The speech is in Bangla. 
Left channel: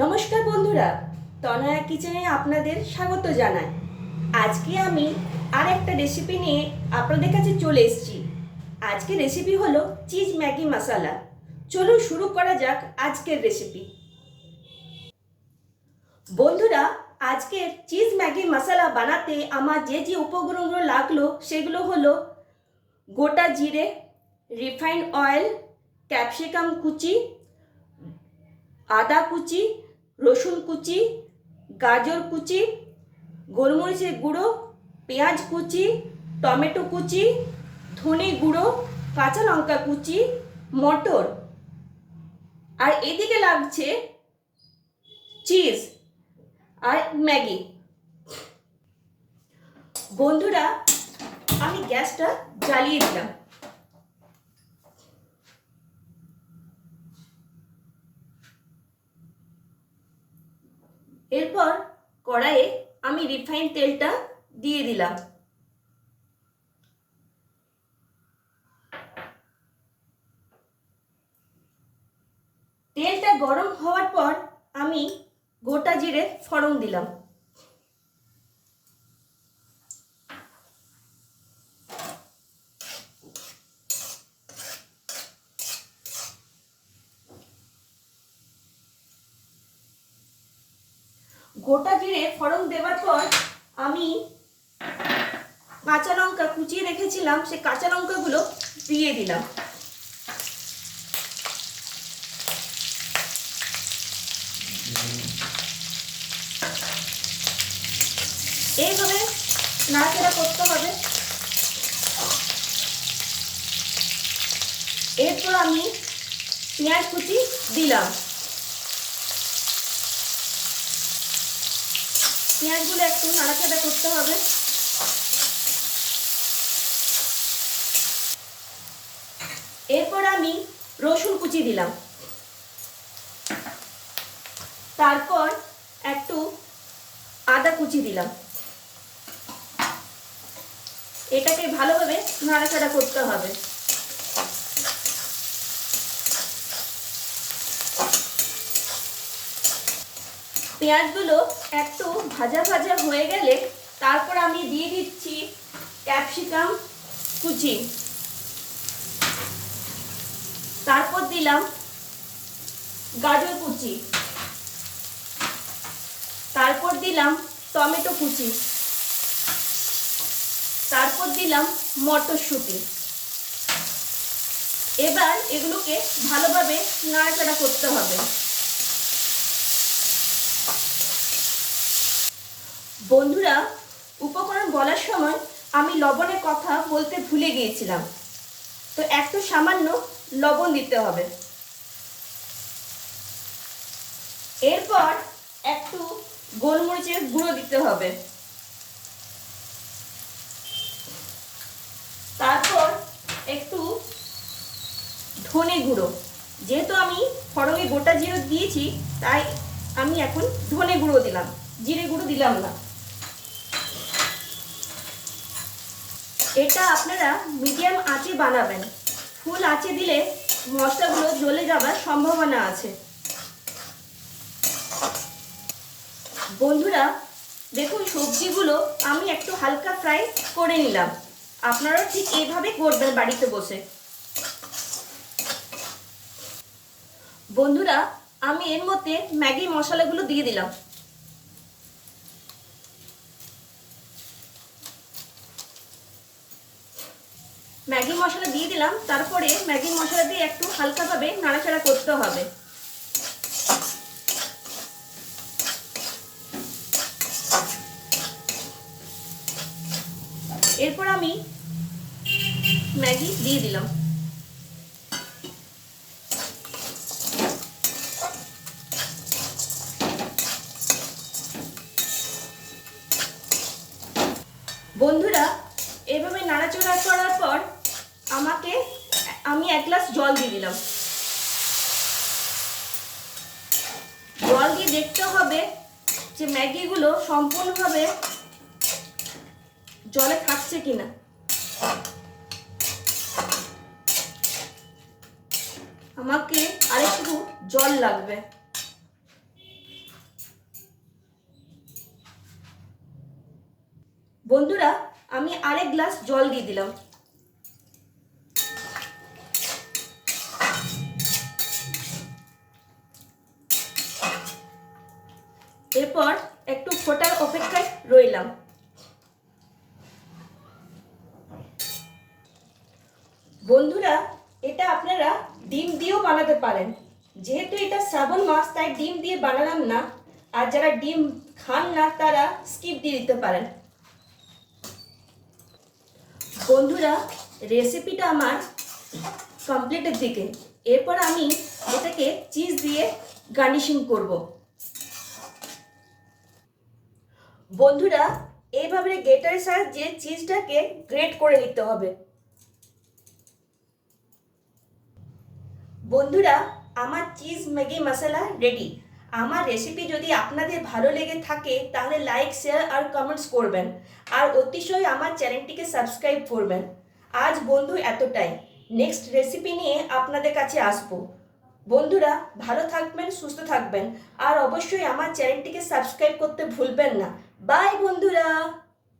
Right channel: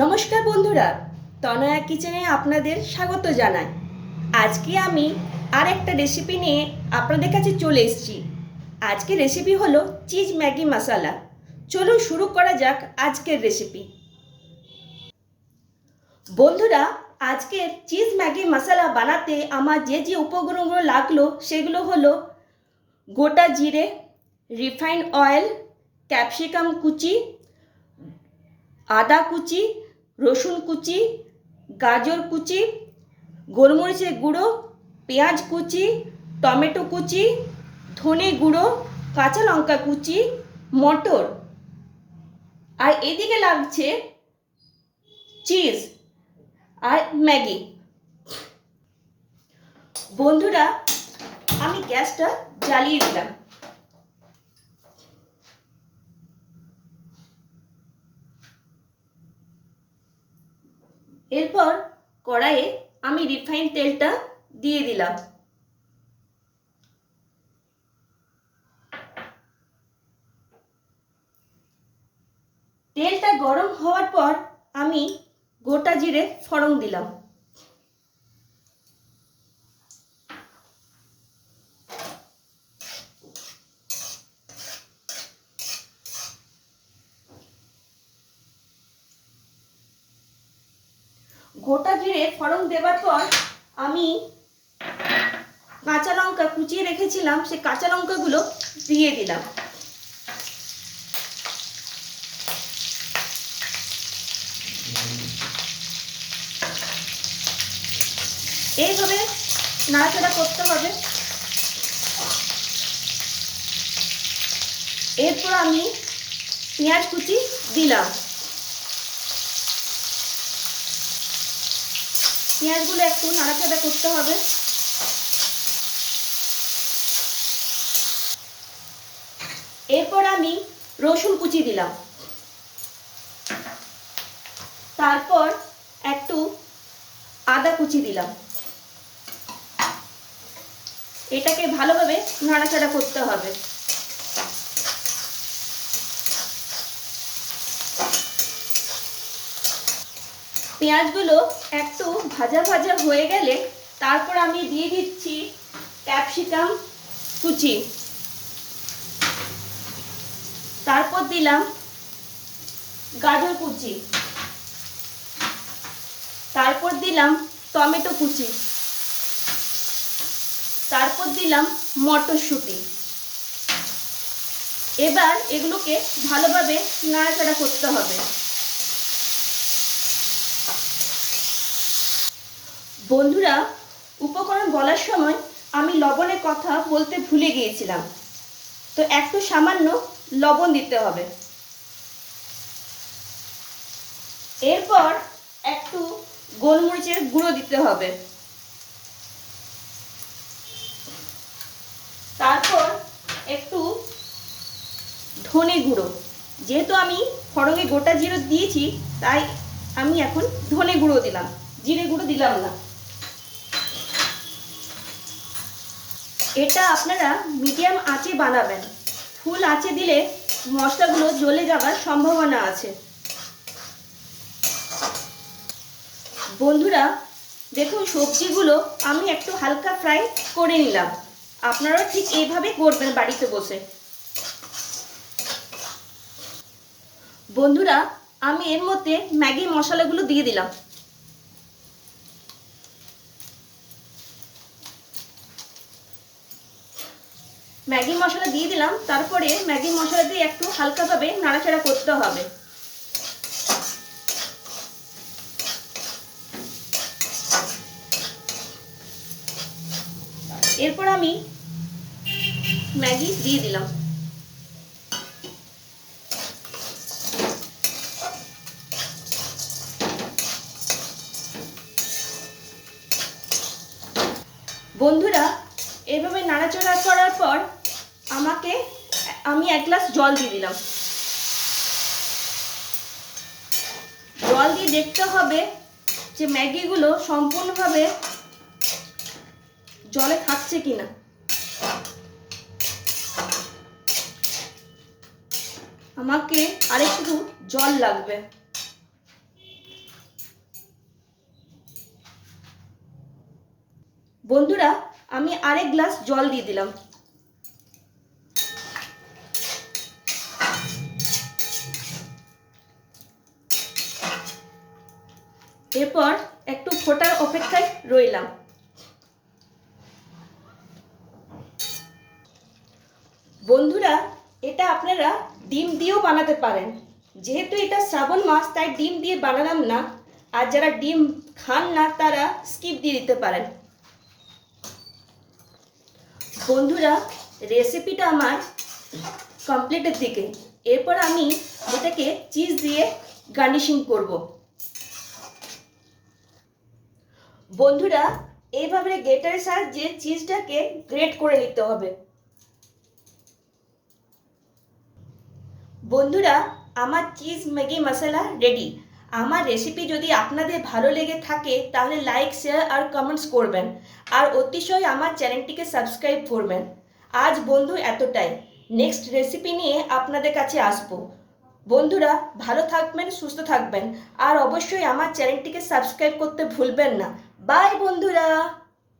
নমস্কার বন্ধুরা, তনয়া কিচেনে আপনাদের স্বাগত জানাই। আজকে আমি আর একটা রেসিপি নিয়ে আপনাদের কাছে চলে এসেছি। আজকে রেসিপি হলো চিজ ম্যাগি মশলা। চলুন শুরু করা যাক আজকের রেসিপি। বন্ধুরা, আজকের চিজ ম্যাগি মশলা বানাতে আমার যে যে উপকরণগুলো লাগলো সেগুলো হলো গোটা জিরে, রিফাইন্ড অয়েল, ক্যাপসিকাম কুচি, আদা কুচি, রসুন কুচি, গাজর কুচি, গোলমরিচের গুঁড়ো, পেঁয়াজ কুচি, টমেটো কুচি, ধনে গুঁড়ো, কাঁচা লঙ্কা কুচি, মটর, আর এদিকে লাগছে চিজ আর ম্যাগি। বন্ধুরা, আমি গ্যাসটা জ্বালিয়ে দিলাম। এরপর কড়াইয়ে আমি রিফাইন্ড তেলটা দিয়ে দিলাম। তেলটা গরম হওয়ার পর আমি গোটা জিরে ফোড়ন দিলাম। গোটা জিরে ফোড়ন দেওয়ার পর আমি কাঁচা লঙ্কা কুচিয়ে রেখেছিলাম, সেই কাঁচা লঙ্কাগুলো দিয়ে দিলাম। এইভাবে নাড়াচাড়া করতে হবে। এরপর আমি পেঁয়াজ কুচি দিলাম। পেঁয়াজগুলো একটু নাড়াচাড়া করতে হবে। এরপর আমি রসুন কুচি দিলাম। তারপর একটু আদা কুচি দিলাম। এটাকে ভালোভাবে নাড়াচাড়া করতে হবে। পেঁয়াজগুলো একটু ভাজা ভাজা হয়ে গেলে তারপর আমি দিয়ে দিচ্ছি ক্যাপসিকাম কুচি। তারপর দিলাম গাজর কুচি। তারপর দিলাম টমেটো কুচি। তারপর দিলাম মটরশুঁটি। এবার এগুলোকে ভালোভাবে নাড়াচাড়া করতে হবে। বন্ধুরা, উপকরণ বলার সময় আমি লবণের কথা বলতে ভুলে গিয়েছিলাম, তো একটু সামান্য লবণ দিতে হবে। এরপর একটু গোলমরিচের গুঁড়ো দিতে হবে। তারপর একটু ধনে গুঁড়ো। যেহেতু আমি ফড়ঙে গোটা জিরে দিয়েছি, তাই আমি এখন ধনে গুঁড়ো দিলাম, জিরে গুঁড়ো দিলাম না। এটা আপনারা মিডিয়াম আঁচে বানাবেন। ফুল আঁচে দিলে মশলাগুলো জ্বলে যাওয়ার সম্ভাবনা আছে। বন্ধুরা, দেখুন সবজিগুলো আমি একটু হালকা ফ্রাই করে নিলাম। আপনারা ঠিক এইভাবে করবেন বাড়িতে বসে। বন্ধুরা, আমি এর মধ্যে ম্যাগি মশলাগুলো দিয়ে দিলাম। ম্যাগি মশলা দিয়ে দিলাম। তারপরে ম্যাগি মশলা দিয়ে একটু হালকাভাবে নাড়াচাড়া করতে হবে। এরপর আমি ম্যাগি দিয়ে দিলাম। বন্ধুরা, এভাবে নাড়াচাড়া করার পর আমি 1 গ্লাস জল দিয়ে দিলাম। জল দিয়ে দেখতে হবে যে ম্যাগিগুলো সম্পূর্ণভাবে জলে থাকছে কিনা। আমাকে আরেকটু জল লাগবে। বন্ধুরা, আমি আরেক গ্লাস জল দিয়ে দিলাম। এরপর একটু ফোটার অপেক্ষায় রইলাম। বন্ধুরা, এটা আপনারা ডিম দিয়েও বানাতে পারেন। যেহেতু এটা শ্রাবণ মাস, তাই ডিম দিয়ে বানালাম না। আর যারা ডিম খান না তারা স্কিপ দিয়ে দিতে পারেন। বন্ধুরা, রেসিপিটা আমার কমপ্লিটের দিকে। এরপর আমি এটাকে চিজ দিয়ে গার্নিশিং করব। বন্ধুরা, এইভাবে গ্রেটারের সাহায্যে চিজটাকে গ্রেট করে নিতে হবে। বন্ধুরা, আমার চিজ ম্যাগি মশলা রেডি। আমার রেসিপি যদি আপনাদের ভালো লেগে থাকে তাহলে লাইক, শেয়ার আর কমেন্টস করবেন। আর অতিশয় আমার চ্যানেলটিকে সাবস্ক্রাইব করবেন। আজ বন্ধু এতটাই। নেক্সট রেসিপি নিয়ে আপনাদের কাছে আসবো। বন্ধুরা, ভালো থাকবেন, সুস্থ থাকবেন। আর অবশ্যই আমার চ্যানেলটিকে সাবস্ক্রাইব করতে ভুলবেন না। বাই বন্ধুরা।